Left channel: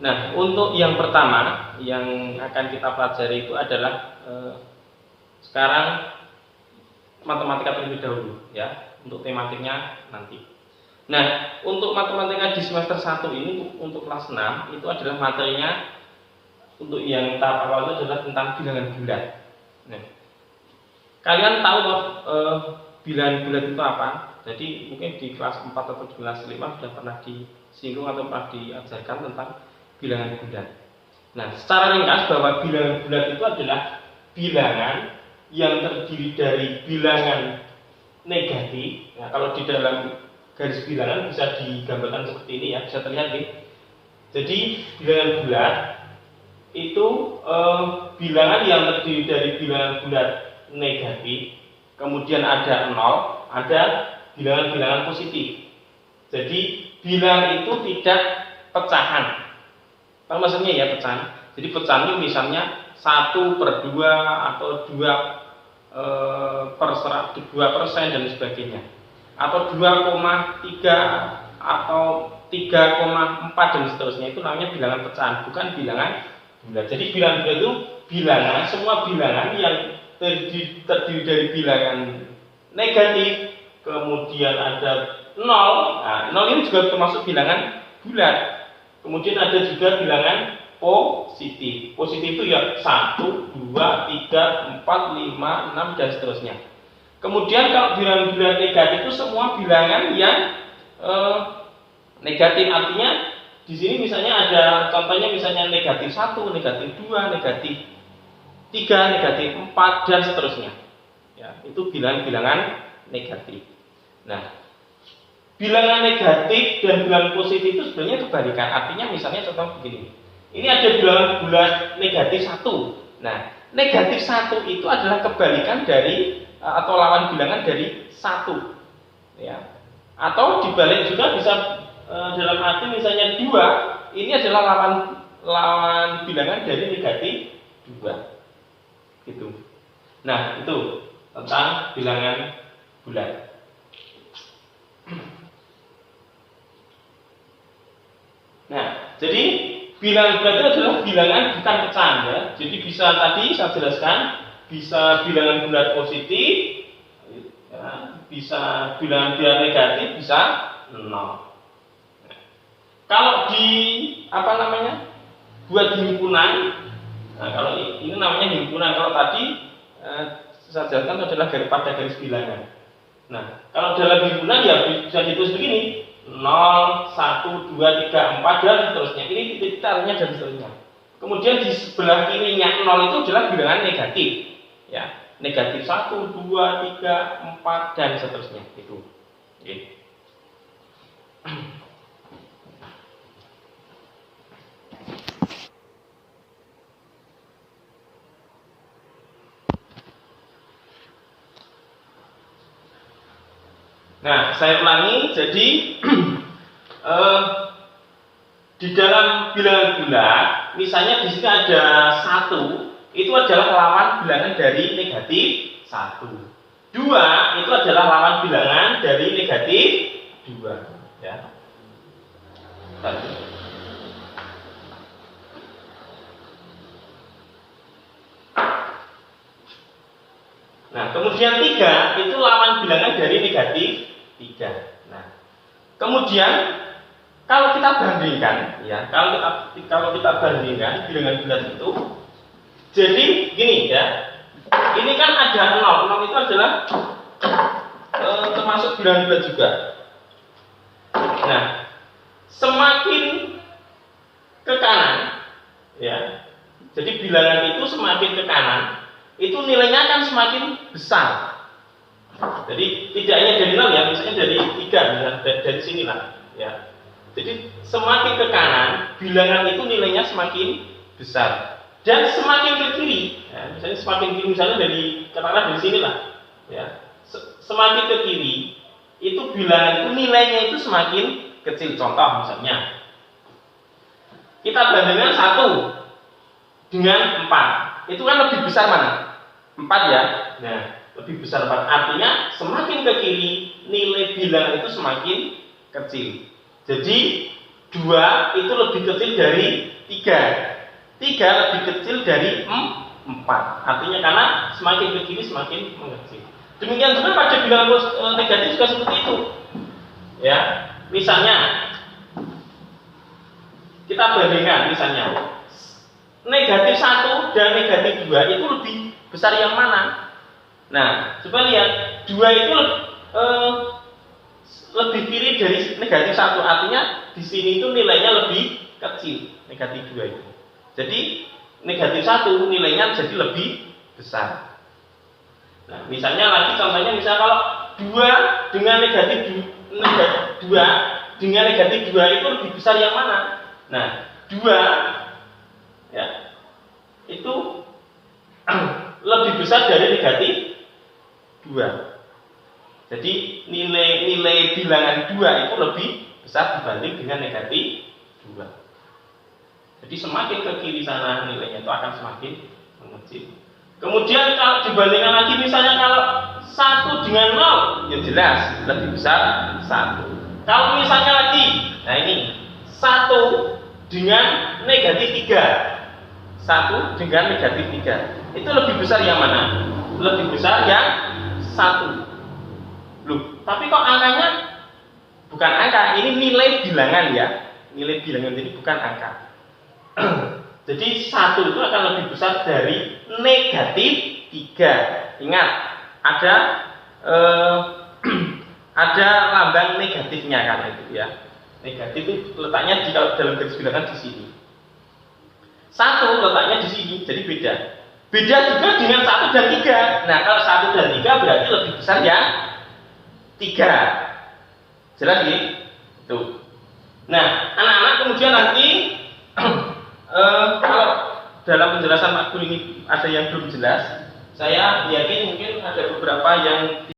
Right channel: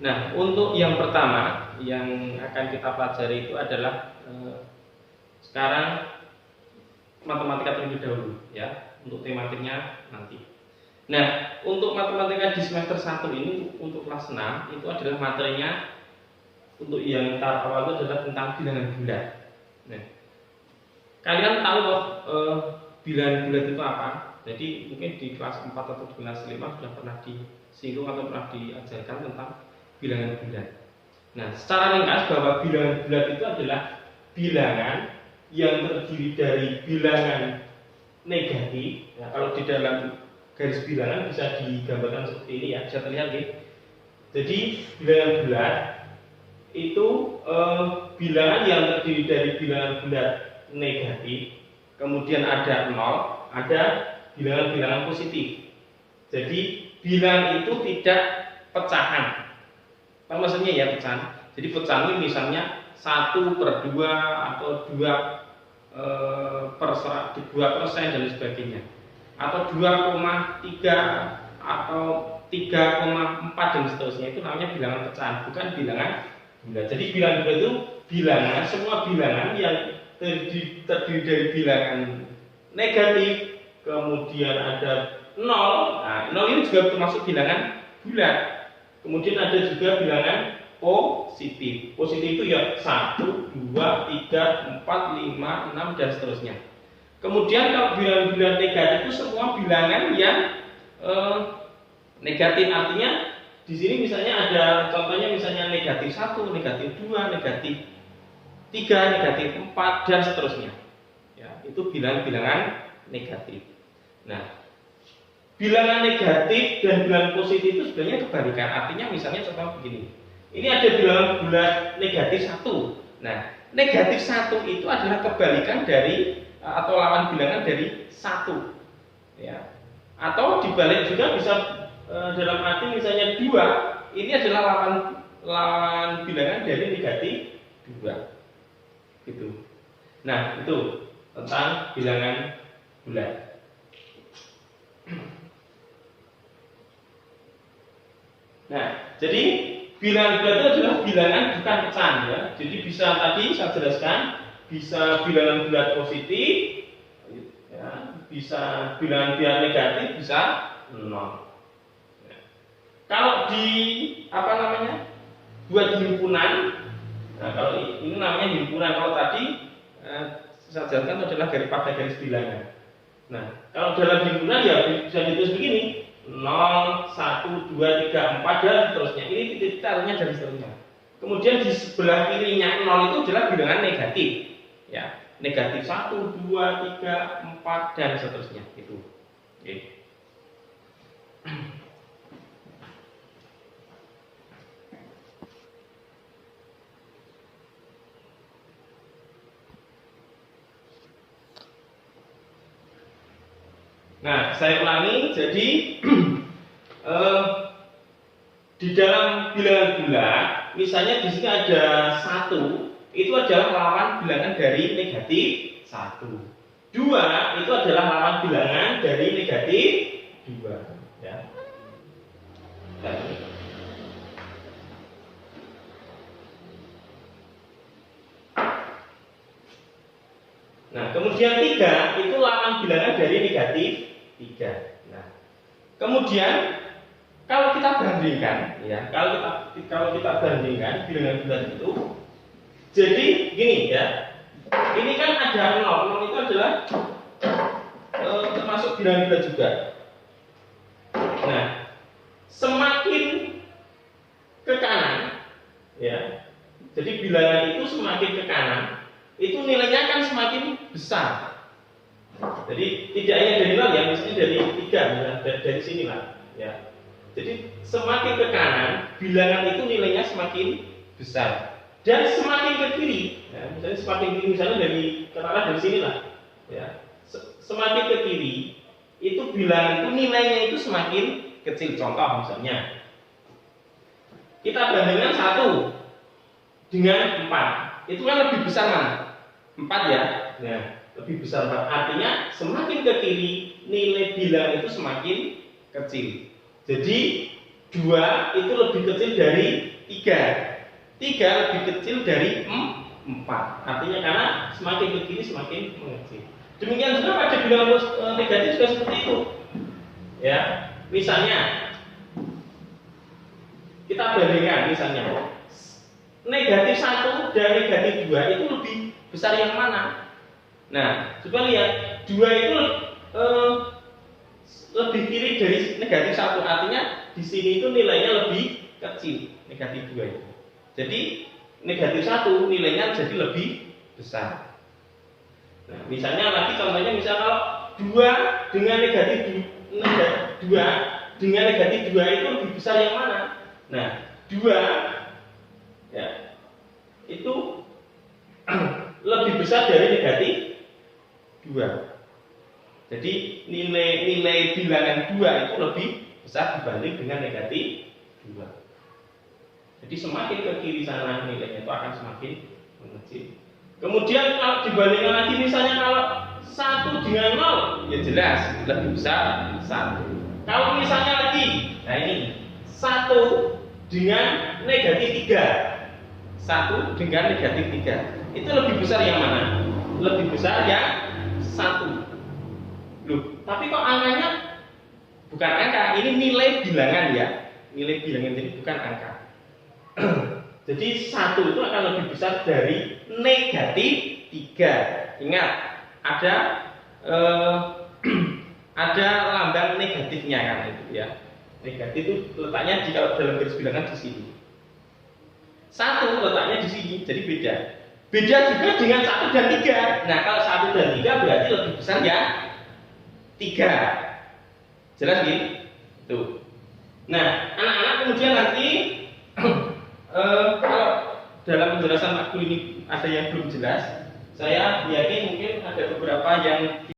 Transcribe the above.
Nah, untuk yang pertama yang akan kita pelajari itu adalah sekarang matematika terlebih dahulu ya, untuk tematiknya nanti. Nah, untuk matematika di semester 1 ini untuk kelas 6 itu adalah materinya untuk yang tahap awal itu adalah tentang bilangan bulat. Nah, kalian tahu loh bilangan bulat itu apa? Jadi mungkin di kelas 4 atau kelas 5 sudah pernah disinggung atau pernah diajarkan tentang bilangan bulat. Nah, secara ringkas bahwa bilangan bulat itu adalah bilangan yang terdiri dari bilangan negatif. Nah, kalau di dalam garis bilangan bisa digambarkan seperti ini ya, bisa terlihat nih. Jadi bilangan bulat itu bilangan yang terdiri dari bilangan bulat negatif, kemudian ada 0, ada bilangan-bilangan positif. Jadi bilangan itu tidak pecahan. Apa maksudnya ya pecahan? Jadi pecahan itu misalnya 1/2 atau 2% dan sebagainya, atau 2,3 atau 3,4 dan seterusnya, itu namanya bilangan pecahan, bukan bilangan bulat. Jadi bilangan bulat itu bilangan, semua bilangan yang terdiri dari bilangan negatif, kemudian ada 0. Nah, 0 ini juga termasuk bilangan bulat. Kemudian ada juga bilangan positif. Positif itu ya 1, 2, 3, 4, 5, 6 dan seterusnya. Kemudian kalau bilangan bulat negatif itu semua bilangan yang negatif, artinya di sini misalnya ada contohnya, misalnya negatif 1, negatif 2, negatif 3, negatif 4 dan seterusnya. Ya, itu bilangan-bilangan negatif. Nah, bilangan negatif dan bilangan positif itu sebenarnya kebalikan. Artinya misalnya contoh begini. Ini ada bilangan bulat negatif 1. Nah, negatif 1 itu adalah kebalikan dari atau lawan bilangan dari 1. Ya. Atau dibalik juga bisa dalam arti misalnya 2, ini adalah lawan bilangan dari negatif 2. Gitu. Nah, itu tentang bilangan bulat. Nah, jadi bilangan bulat itu adalah bilangan bukan pecahan ya. Jadi bisa tadi saya jelaskan, bisa bilangan bulat positif, ya, bisa bilangan bulat negatif, bisa 0. Nah, kalau di buat himpunan, nah kalau ini namanya himpunan. Kalau tadi saya jelaskan adalah pada garis bilangan. Nah, kalau dalam himpunan ya bisa ditulis begini. 0, 1, 2, 3, 4 dan seterusnya. Ini titik-titiknya dan seterusnya. Kemudian di sebelah kirinya 0 itu adalah bilangan negatif. Ya, negatif 1, 2, 3, 4 dan seterusnya. Itu. Oke. Nah, saya ulangi. Jadi di dalam bilangan bulat, misalnya di sini ada 1, itu adalah lawan bilangan dari negatif 1. 2 itu adalah lawan bilangan dari negatif 2. Ya. Nah, kemudian 3 itu lawan bilangan dari negatif 3. Nah, kemudian kalau kita bandingkan, ya, kalau kita bandingkan bilangan bulat itu, jadi gini ya, ini kan ada 0 itu adalah termasuk bilangan bulat juga. Nah, semakin ke kanan, ya, jadi bilangan itu semakin ke kanan, itu nilainya akan semakin besar. Jadi tidak hanya dari 0 ya, misalnya dari 3, dari sini lah, ya. Jadi semakin ke kanan, bilangan itu nilainya semakin besar. Dan semakin ke kiri, ya, misalnya semakin kiri, misalnya katakanlah dari sini lah, ya. Semakin ke kiri, itu bilangan itu nilainya itu semakin kecil. Contoh misalnya, kita bandingkan 1 dengan 4, itu kan lebih besar mana? 4 ya. Nah, lebih besar 4. Artinya semakin ke kiri, nilai bilangan itu semakin kecil. Jadi 2 itu lebih kecil dari 3. 3 lebih kecil dari 4. Artinya karena semakin ke kiri semakin mengecil. Demikian juga pada bilangan negatif juga seperti itu. Ya, misalnya kita bandingkan misalnya negatif 1 dan negatif 2 itu lebih besar yang mana? Nah, coba lihat 2 itu lebih kiri dari negatif 1, artinya di sini itu nilainya lebih kecil, negatif 2 itu. Jadi negatif 1 nilainya jadi lebih besar. Nah, misalnya lagi contohnya misalnya kalau 2 dengan negatif 2 dengan negatif 2 itu lebih besar yang mana? Nah, 2 ya itu lebih besar dari negatif 2. Jadi nilai bilangan 2 itu lebih besar dibanding dengan negatif 2. Jadi semakin ke kiri sana nilainya itu akan semakin mengecil. Kemudian kalau dibandingkan lagi misalnya kalau 1 dengan 0 ya jelas lebih besar 1. Kalau misalnya lagi, nah ini 1 dengan negatif 3. 1 dengan negatif 3. Itu lebih besar yang mana? Lebih besar yang 1. Loh, tapi kok angkanya bukan angka, ini nilai bilangan ya. Nilai bilangan jadi bukan angka. Jadi 1 itu akan lebih besar dari negatif 3. Ingat, ada lambang negatifnya kan itu ya. Negatif itu letaknya di dalam garis bilangan di sini. 1 letaknya di sini, jadi beda. Beda juga dengan 1 dan 3. Nah, kalau 1 dan 3 berarti lebih besar yang 3. Jelas nih? Tuh. Nah, anak-anak kemudian nanti kalau dalam penjelasan makul ini ada yang belum jelas, saya yakin mungkin ada beberapa yang